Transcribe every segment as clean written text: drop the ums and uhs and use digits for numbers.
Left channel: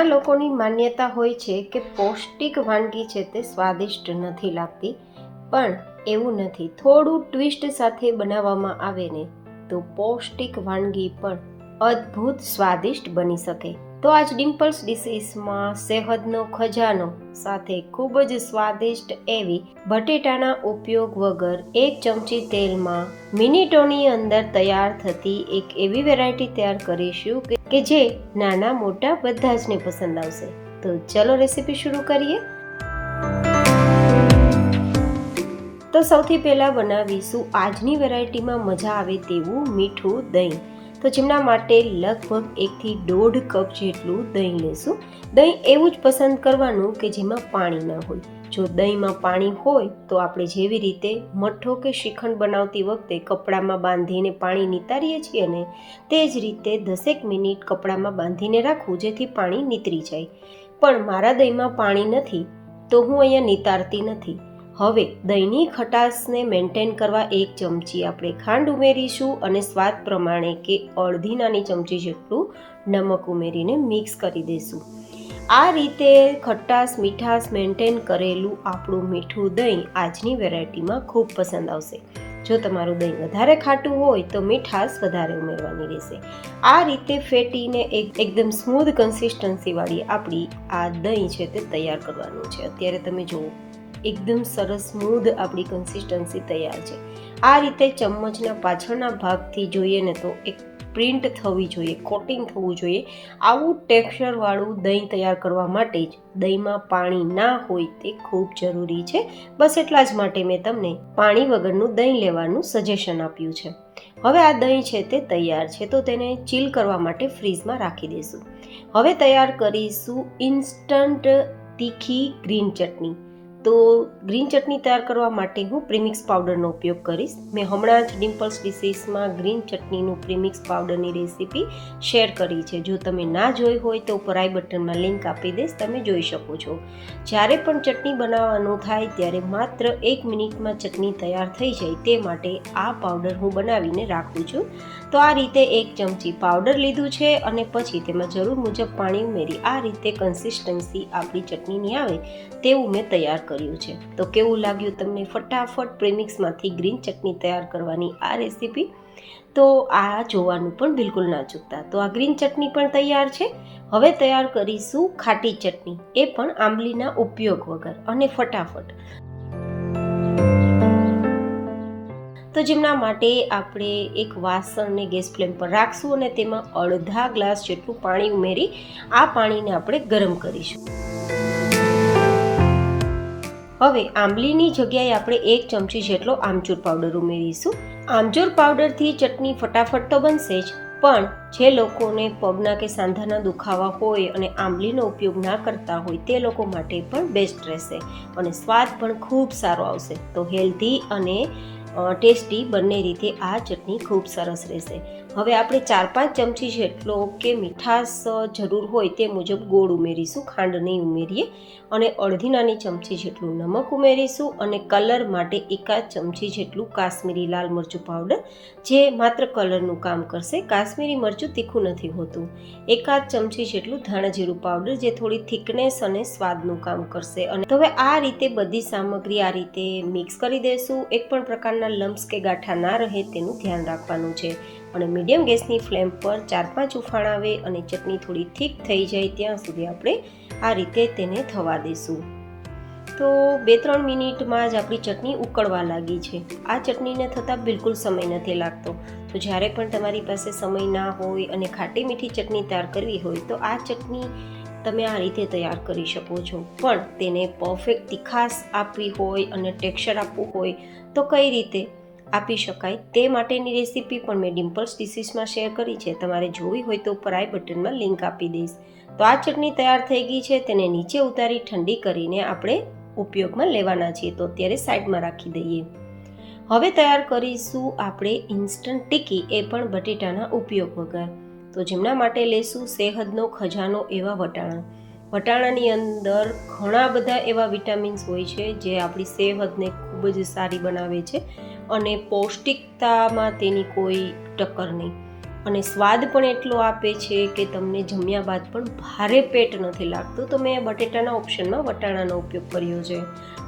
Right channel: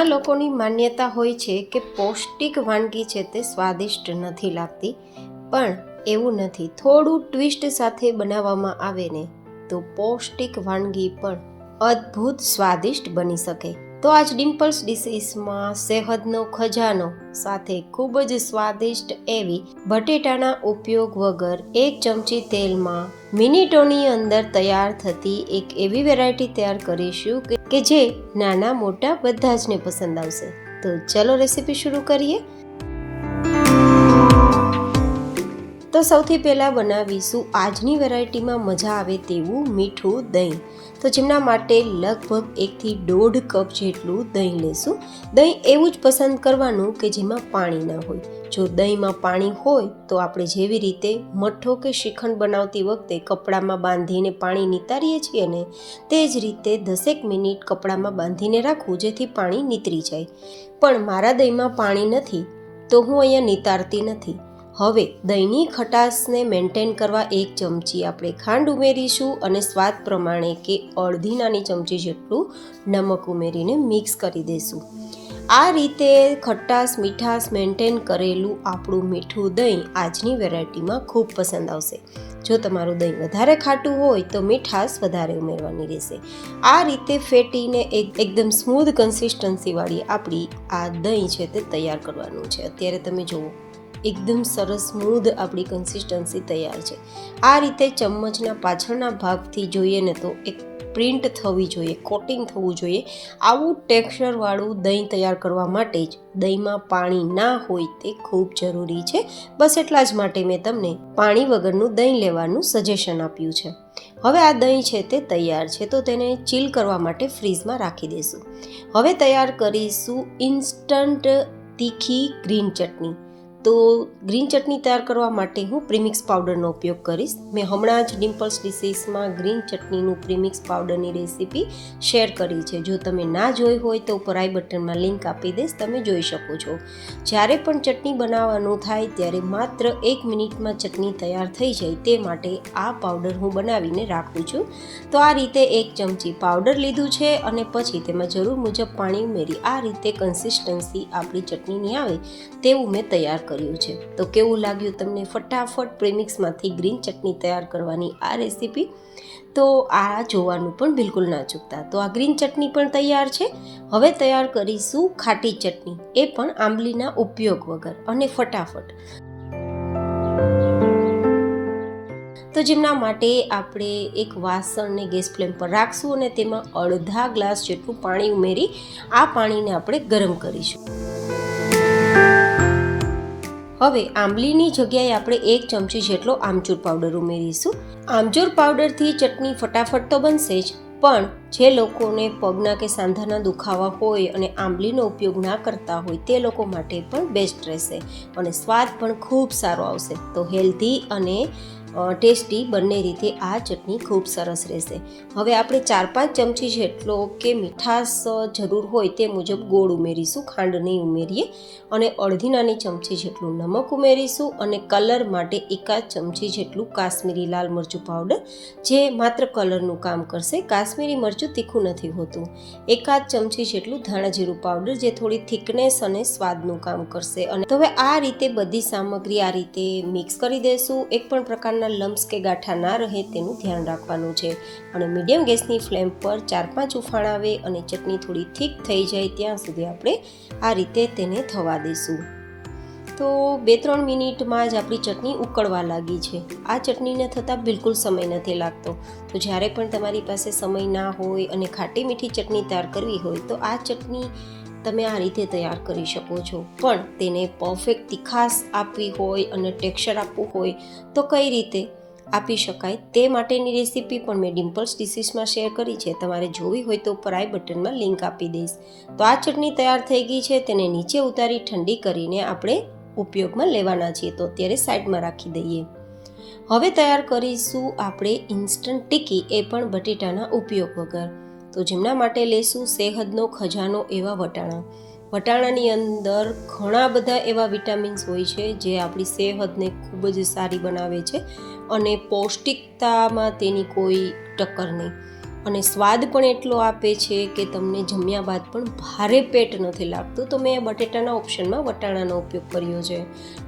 ઘણા લોકોની માન્યતા હોય છે કે પૌષ્ટિક વાનગી છે તે સ્વાદિષ્ટ નથી લાગતી, પણ એવું નથી. થોડું ટ્વિસ્ટ સાથે બનાવવામાં આવે ને તો પૌષ્ટિક વાનગી પણ અદ્ભુત સ્વાદિષ્ટ બની શકે. તો આજ ડિમ્પલ્સ ડિશીસમાં સેહદનો ખજાનો સાથે ખૂબ જ સ્વાદિષ્ટ એવી બટેટાના ઉપયોગ વગર 1 ચમચી તેલમાં મિનિટોની અંદર તૈયાર થતી એક એવી વેરાયટી તૈયાર કરીશું કે જે નાના મોટા બધા જ ને પસંદ આવશે. તો ચલો રેસીપી શરૂ કરીએ. તો સૌથી પહેલાં બનાવીશું આજની વેરાયટીમાં મજા આવે તેવું મીઠું દહીં. તો જેમના માટે લગભગ 1 થી 1.5 કપ જેટલું દહીં લેશું. દહીં એવું જ પસંદ કરવાનું કે જેમાં પાણી ના હોય. જો દહીંમાં પાણી હોય તો આપણે જેવી રીતે મઠ્ઠો કે શ્રીખંડ બનાવતી વખતે કપડામાં બાંધીને પાણી નિતારીએ છીએ ને, તે જ રીતે 10 મિનિટ કપડામાં બાંધીને રાખવું જેથી પાણી નીતરી જાય. પણ મારા દહીંમાં પાણી નથી તો હું અહીંયા નિતારતી નથી. હવે દહીંની ખટાશને મેન્ટેન કરવા 1 ચમચી આપણે ખાંડ ઉમેરીશું અને સ્વાદ પ્રમાણે કે અડધી નાની ચમચી જેટલું નમક ઉમેરીને મિક્સ કરી દઈશું. આ રીતે ખટાશ મીઠાશ મેન્ટેન કરેલું આપણું મીઠું દહીં આજની વેરાયટીમાં ખૂબ પસંદ આવશે. જો તમારું દહીં વધારે ખાટું હોય તો મીઠાશ વધારે ઉમેરવાની રહેશે. આ રીતે ફેટીને એકદમ સ્મૂધ કન્સિસ્ટન્સીવાળી આપણી આ દહીં છે તે તૈયાર કરવાનું છે. અત્યારે તમે જુઓ એકદમ સરસ સ્મૂધ આપણી કન્સિસ્ટન્સી તૈયાર છે. આ રીતે ચમચના પાછળના ભાગથી જોઈએ ને તો એક પ્રિન્ટ થવી જોઈએ, કોટિંગ થવું જોઈએ. આવું ટેક્સચરવાળું દહીં તૈયાર કરવા માટે જ દહીંમાં પાણી ના હોય તે ખૂબ જરૂરી છે. બસ એટલા જ માટે મેં તમને પાણી વગરનું દહીં લેવાનું સજેશન આપ્યું છે. હવે આ દહીં છે તે તૈયાર છે તો તેને ચીલ કરવા માટે ફ્રીઝમાં રાખી દઈશું. હવે તૈયાર કરીશું ઇન્સ્ટન્ટ તીખી ગ્રીન ચટણી. તો ગ્રીન ચટણી તૈયાર કરવા માટે હું પ્રીમિક્સ પાવડરનો ઉપયોગ કરીશ. મેં હમણાં જ ડિમ્પલ્સ ડિશીસમાં ગ્રીન ચટણીનું પ્રીમિક્સ પાવડરની રેસીપી શેર કરી છે. જો તમે ના જોઈ હોય તો ઉપર આઈ બટનમાં લિંક આપી દઈશ, તમે જોઈ શકો છો. જ્યારે પણ ચટણી બનાવવાનું થાય ત્યારે માત્ર 1 મિનિટમાં ચટણી તૈયાર થઈ જાય તે માટે આ પાવડર હું બનાવીને રાખું છું. તો આ રીતે 1 ચમચી પાવડર લીધું છે અને પછી તેમાં જરૂર મુજબ પાણી ઉમેરી આ રીતે કન્સિસ્ટન્સી આપણી ચટણીની આવે તેવું મેં તૈયાર કર્યું છે. તો કેવું લાગ્યું તમને ફટાફટ પ્રીમિક્સમાંથી ગ્રીન ચટણી તૈયાર કરવાની આ રેસીપી? તો આ જોવાનું પણ બિલકુલ ના ચૂકતા. તો આ ગ્રીન ચટણી પણ તૈયાર છે. હવે તૈયાર કરીશું ખાટી ચટણી, એ પણ આંબલીના ઉપયોગ વગર અને ફટાફટ. તો જેમના માટે આપણે એક વાસણને ગેસ ફ્લેમ પર રાખશું અને તેમાં અડધા ગ્લાસ જેટલું પાણી ઉમેરી આ પાણીને આપણે ગરમ કરીશું. હવે આંબલીની જગ્યાએ આપણે 1 ચમચી જેટલો આમચૂર પાવડર ઉમેરીશું. આમચૂર પાવડરથી ચટણી ફટાફટ તો બનશે જ, પણ જે લોકોને પગના કે સાંધાના દુખાવા હોય અને આંબલીનો ઉપયોગ ના કરતા હોય તે લોકો માટે પણ બેસ્ટ રહેશે અને સ્વાદ પણ ખૂબ સારો આવશે. તો હેલ્ધી અને ટેસ્ટી બંને રીતે આ ચટણી ખૂબ સરસ રહેશે. હવે આપણે 4-5 ચમચી જેટલો કે મીઠાશ જરૂર હોય તે મુજબ ગોળ ઉમેરીશું, ખાંડ નહીં ઉમેરીએ. અને અડધી નાની ચમચી જેટલું નમક ઉમેરીશું અને કલર માટે 1 ચમચી જેટલું કાશ્મીરી લાલ મરચું પાવડર, જે માત્ર કલરનું કામ કરશે. કાશ્મીરી મરચું તીખું નથી હોતું. 1 ચમચી જેટલું ધાણા જીરું પાવડર, જે થોડી થિકનેસ અને સ્વાદનું કામ કરશે. અને તો હવે આ રીતે બધી સામગ્રી આ રીતે મિક્સ કરી દઈશું. એક પણ પ્રકારના લમ્સ કે ગાંઠા ના રહે તેનું ધ્યાન રાખવાનું છે. અને મીડિયમ ગેસની ફ્લેમ પર 4-5 ઉફાણ આવે અને ચટણી થોડી થીક થઈ જાય ત્યાં સુધી આપણે આ રીતે તેને થવા દઈશું. તો 2-3 મિનિટમાં જ આપણી ચટણી ઉકળવા લાગી છે. આ ચટણીને થતાં બિલકુલ સમય નથી લાગતો. તો જ્યારે પણ તમારી પાસે સમય ના હોય અને ખાટી મીઠી ચટણી તૈયાર કરવી હોય તો આ ચટણી તમે આ રીતે તૈયાર કરી શકો છો. પણ તેને પરફેક્ટ તીખાશ આપવી હોય અને ટેક્સચર આપવું હોય તો કઈ રીતે આપી શકાય તે માટેની રેસીપી પણ મેં ડિમ્પલ્સ ડિશીસમાં શેર કરી છે. તમારે જોવી હોય તો ઉપર આઈ બટનમાં લિંક આપી દઈશ. તો આ ચટણી તૈયાર થઈ ગઈ છે. તેને નીચે ઉતારી ઠંડી કરીને આપણે ઉપયોગમાં લેવાના છીએ. તો અત્યારે સાઈડમાં રાખી દઈએ. હવે તૈયાર કરીશું આપણે ઇન્સ્ટન્ટ ટીકી, એ પણ બટેટાના ઉપયોગ વગર. તો જેમના માટે લેશું સેહદનો ખજાનો એવા વટાણા. વટાણાની અંદર ઘણા બધા એવા વિટામિન્સ હોય છે જે આપણી સેહતને ખૂબ જ સારી બનાવે છે અને પૌષ્ટિકતામાં તેની કોઈ ટક્કર નહીં. અને સ્વાદ પણ એટલો આપે છે કે તમને જમ્યા બાદ પણ ભારે પેટ નથી લાગતું. તો મેં બટેટાના ઓપ્શનમાં વટાણાનો ઉપયોગ કર્યો છે.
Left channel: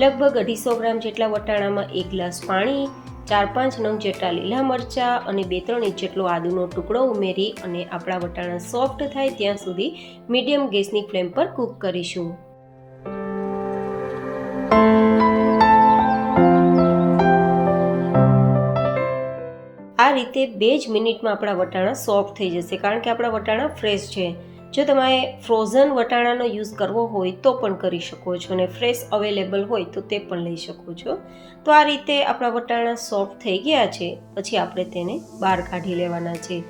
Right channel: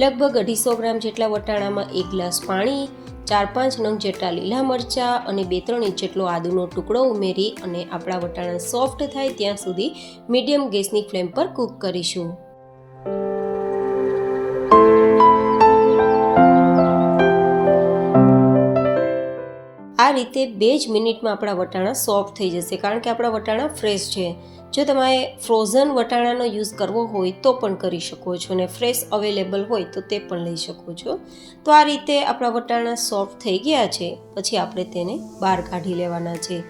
લગભગ 250 ગ્રામ જેટલા વટાણામાં 1 ગ્લાસ પાણી, 4-5 નંગ જેટલા લીલા મરચાં અને 2-3 ઇંચ જેટલો આદુનો ટુકડો ઉમેરી અને આપણા વટાણા સોફ્ટ થાય ત્યાં સુધી મીડિયમ ગેસની ફ્લેમ પર કૂક કરીશું. આ રીતે 2 જ મિનિટમાં આપણા વટાણા સોફ્ટ થઈ જશે, કારણ કે આપણા વટાણા ફ્રેશ છે. જો તમારે ફ્રોઝન વટાણાનો યુઝ કરવો હોય તો પણ કરી શકો છો, અને ફ્રેશ અવેલેબલ હોય તો તે પણ લઈ શકો છો. તો આ રીતે આપણા વટાણા સોફ્ટ થઈ ગયા છે. પછી આપણે તેને બહાર કાઢી લેવાના છે,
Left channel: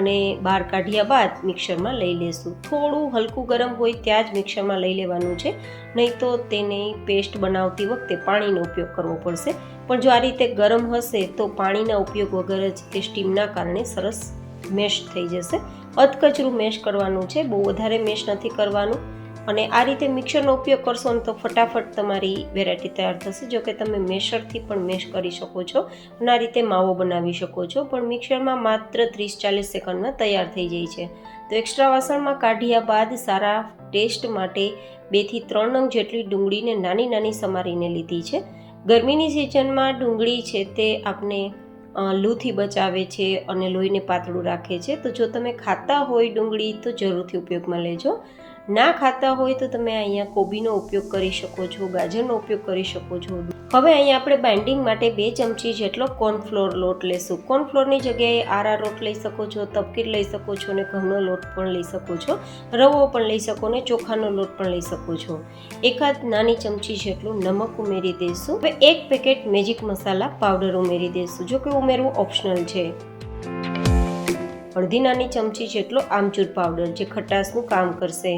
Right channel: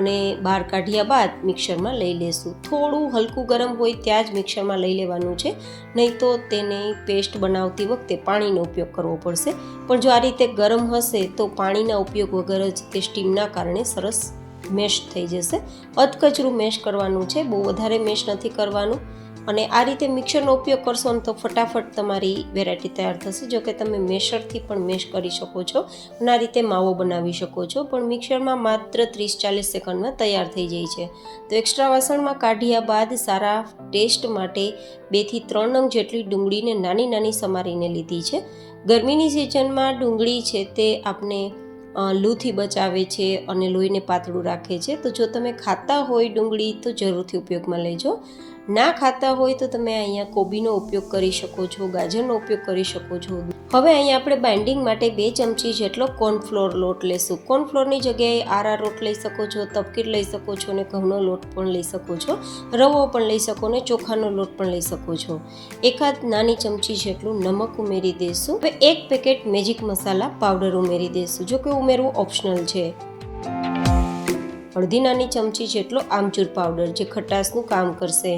અને બહાર કાઢ્યા બાદ મિક્સરમાં લઈ લેશું. થોડું હલકું ગરમ હોય ત્યાં જ મિક્સરમાં લઈ લેવાનું છે, નહીં તો તેને પેસ્ટ બનાવતી વખતે પાણીનો ઉપયોગ કરવો પડશે. પણ જો આ રીતે ગરમ હશે તો પાણીના ઉપયોગ વગર જ તે સ્ટીમના કારણે સરસ મેશ થઈ જશે. અધકચરું મેશ કરવાનું છે, બહુ વધારે મેશ નથી કરવાનું. અને આ રીતે મિક્સરનો ઉપયોગ કરશો ને તો ફટાફટ તમારી વેરાયટી તૈયાર થશે. જો કે તમે મેશરથી પણ મેશ કરી શકો છો અને આ રીતે માવો બનાવી શકો છો, પણ મિક્સરમાં માત્ર 30-40 સેકન્ડમાં તૈયાર થઈ જાય છે. તો એક્સ્ટ્રા વાસણમાં કાઢ્યા બાદ સારા ટેસ્ટ માટે 2 થી 3 નંગ જેટલી ડુંગળીને નાની નાની સમારીને લીધી છે. ગરમીની સિઝનમાં ડુંગળી છે તે આપણે લૂથી બચાવે છે અને લોહીને પાતળું રાખે છે. તો જો તમે ખાતા હોય ડુંગળી તો જરૂરથી ઉપયોગમાં લેજો. ના ખાતા હોય તો તમે અહીંયા કોબીનો ઉપયોગ કરી શકો છો, ગાજરનો ઉપયોગ કરી શકો છો. હવે અહીંયા આપણે બાઇન્ડિંગ માટે 2 ચમચી જેટલો કોર્નફ્લોર લોટ લેશું. કોર્નફ્લોરની જગ્યાએ આરારોટ લઈ શકો છો, તપકીર લઈ શકો છો, અને ઘઉંનો લોટ પણ લઈ શકો છો, રવો પણ લઈ શકો, અને ચોખાનો લોટ પણ લઈ શકો છો. 1 નાની ચમચી જેટલું નમક ઉમેરી દઈશું. હવે 1 પેકેટ મેજિક મસાલા પાવડર ઉમેરી દઈશું, જો કે ઉમેરવું ઓપ્શનલ છે. અડધી નાની ચમચી જેટલો આમચૂર પાવડર, જે ખટાશનું કામ કરશે.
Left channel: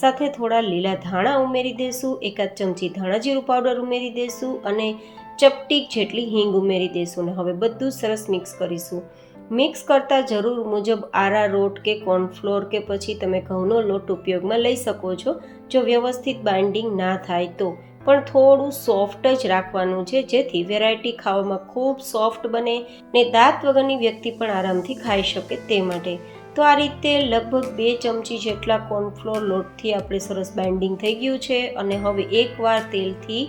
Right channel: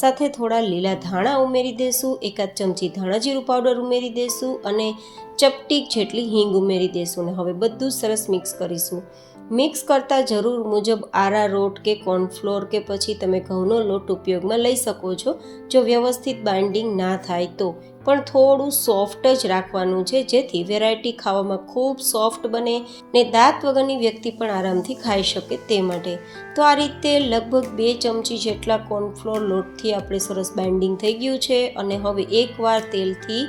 સાથે થોડા લીલા ધાણા ઉમેરી દઈશું. 1 ચમચી ધાણા જીરું પાવડર ઉમેરી દઈશું અને ચપટી જેટલી હિંગ ઉમેરી દઈશું. અને હવે બધું સરસ મિક્સ કરીશું. મિક્સ કરતાં જરૂર મુજબ આરારોટ કે કોર્નફ્લોર કે પછી તમે ઘઉંનો લોટ ઉપયોગમાં લઈ શકો છો, જો વ્યવસ્થિત બાઇન્ડિંગ ના થાય તો. પણ થોડું સોફ્ટ જ રાખવાનું છે, જેથી વેરાયટી ખાવામાં ખૂબ સોફ્ટ બને ને દાંત વગરની વ્યક્તિ પણ આરામથી ખાઈ શકે તે માટે. તો આ રીતે લગભગ 2 ચમચી જેટલા કોર્નફ્લોર લોટથી આપણે સરસ બાઇન્ડિંગ થઈ ગયું છે. અને હવે એકવાર તેલથી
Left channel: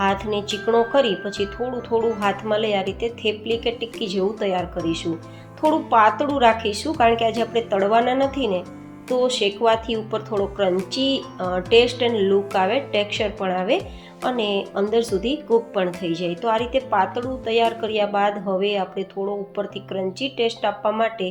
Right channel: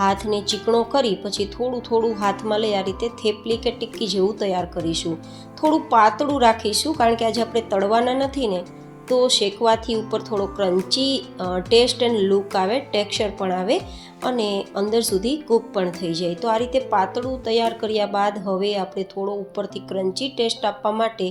હાથને ચીકણો કરી પછી થોડું થોડું હાથમાં લઈ આ રીતે થેપલી કે ટિક્કી જેવું તૈયાર કરીશું. થોડું પાતળું રાખીશું, કારણ કે આજે આપણે તળવાના નથી ને, તો શેકવાથી ઉપર થોડો ક્રન્ચી ટેસ્ટ એન્ડ લુક આવે, ટેક્સચર પણ આવે અને અંદર સુધી કૂક પણ થઈ જાય. તો આ રીતે પાતળું તૈયાર કર્યા બાદ હવે આપણે થોડો ઉપરથી ક્રન્ચી ટેસ્ટ આપવા માટે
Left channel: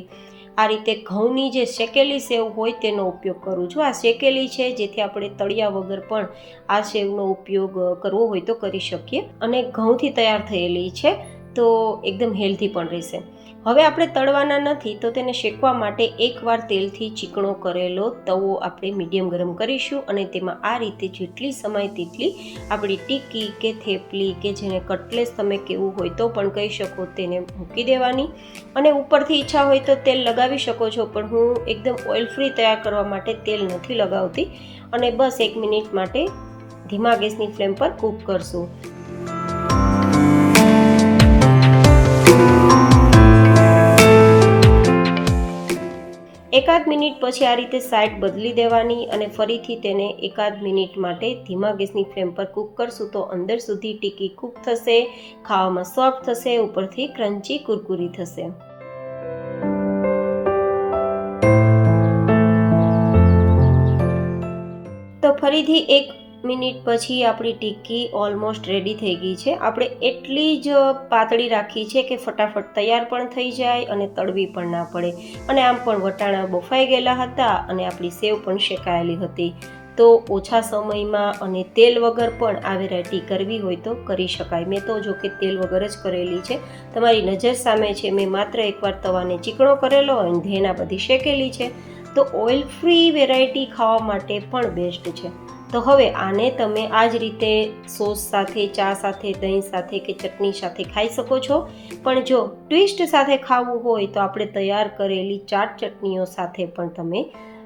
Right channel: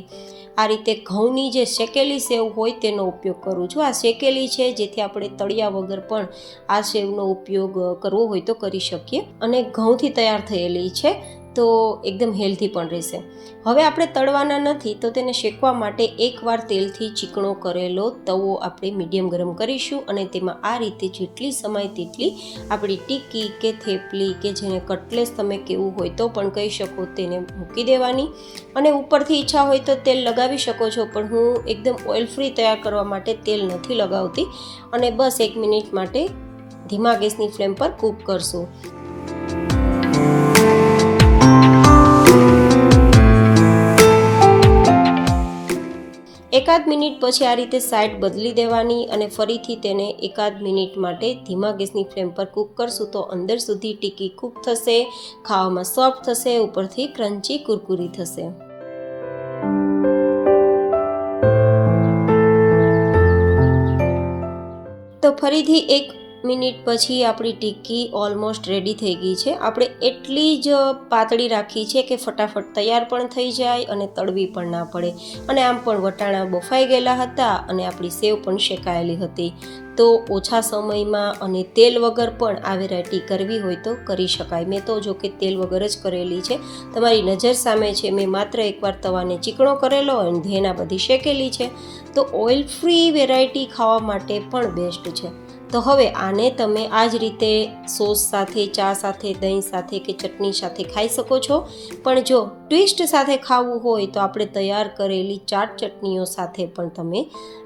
આ રીતે ઘઉંની જે શેકેલી સેવ હોય તેનો ઉપયોગ કરું છું. આ શેકેલી છે, જેથી આપણે તળિયા વગર પણ આ સેવનો ઉપયોગ કરવો હોય તો કરી શકીએ. અને ઘઉંથી તૈયાર થયેલી છે, તો એકદમ હેલ્ધી પણ રહેશે. હવે આપણે તળવાના નથી, તો તેને શેકવા માટે એકવાર તેલથી ચીકણો કરેલો તવો આપણે મીડિયમ ગરમ કરીશું અને તેમાં આ રીતે જેટલી સમાય તેટલી આપણી ટિક્કી કે થેપલી કે જેને કટલેસ તમે કેવું હોય તો પણ કહી શકો, તેને મૂકી દેવાની. અને ઉપરથી ઈચ્છા હોય તો તેલ લગાવી શકો છો, પણ હું એકદમ ઓઇલ ફ્રી તૈયાર કરવા માટે તેલ નથી લગાવતી. અને બસ 1 મિનિટ માટે ધીમા ગેસની ફ્લેમ પર કૂક કરશું. 1 મિનિટ પછી આ રીતે સાઈડ બદલી દેવાની અને ફરીથી તેને 1 મિનિટ માટે ધીમા ગેસની ફ્લેમ પર કૂક કરશું તો અંદર સુધી ટિક્કી કૂક થશે, ખાવામાં સોફ્ટ થશે, ઉપરથી ક્રન્ચી કુરકુરી થશે. તો ફરીથી 1 મિનિટ પછી આપણી ટિક્કી ઓલમોસ્ટ રેડી થઈ ગઈ છે. આપણે એટલી જ પાતળી રાખી છે કે ફટાફટ તૈયાર પણ થઈ જાય અને તળવી પણ ના પડે. અને આમ પણ વટાણા બફાઈ ગયેલા હતા અને આપણી સેવ પણ શેકાયેલી હતી. તો ઓછા સમયમાં અને તેલ વગર પણ આ વેરાયટી કરવી હોય તો કરી શકાય. મેં તો જો કે તેલ વગર જ કરેલી છે, તમારી નજર સામે છે. મેં માત્ર એકવાર તવાને ચીકણો કરેલો અને ધેના બધી શેકેલી છે. તો ઓઇલ ફ્રી વેરાયટી ખાવા માટે પણ બેસ્ટ છે. તો હવે આને તમે આ જ રીતે સોસ સાથે, ચા સાથે, દહીં સાથે કે ચટણી સાથે ખાઈ શકો છો. પણ જો ટ્વિસ્ટ સાથે ખાવું હોય તો આપણે તૈયાર કરેલી ચાટ ચટણીઓ સાથે પણ તમે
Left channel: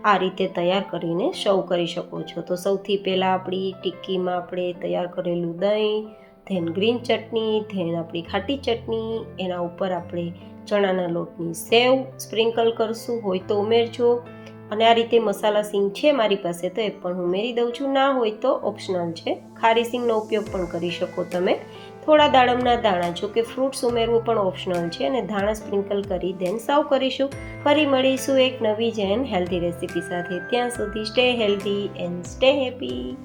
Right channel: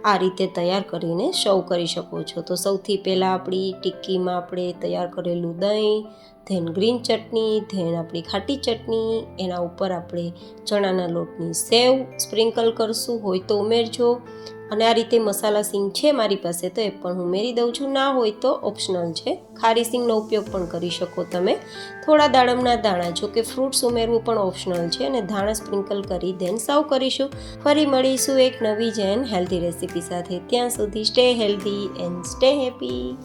આ રીતે તૈયાર કરીને સર્વ કરી શકો છો. તો સૌથી પહેલાં આપણી ટિક્કીમાં આપણે તૈયાર કરેલું દહીં, ધેન ગ્રીન ચટણી, ધેન આપણી ખાટી ચટણી, એના ઉપર આપણે ચણાના લોટની સેવ સ્પ્રિંકલ કરશું, હોય તો ઉમેરજો. અને આ રીતે મસાલા સિંગ છે મારી પાસે તો એ પણ ઉમેરી દઉં છું, ના હોય તો ઓપ્શનલ છે. ખારી સિંગનો ઉપયોગ પણ કરી શકો તમે. થોડા દાડમના દાણા, જો કે ફ્રૂટ્સ ઉમેરવું પણ ઓપ્શનલ છે. અને ધાણા સ્પ્રિંકલ કરી દેન સર્વ કરીશું. ફરી મળીશું એક નવી જ એન્ડ હેલ્ધી રેસીપી સાથે. ત્યાં સુધી stay healthy and stay happy.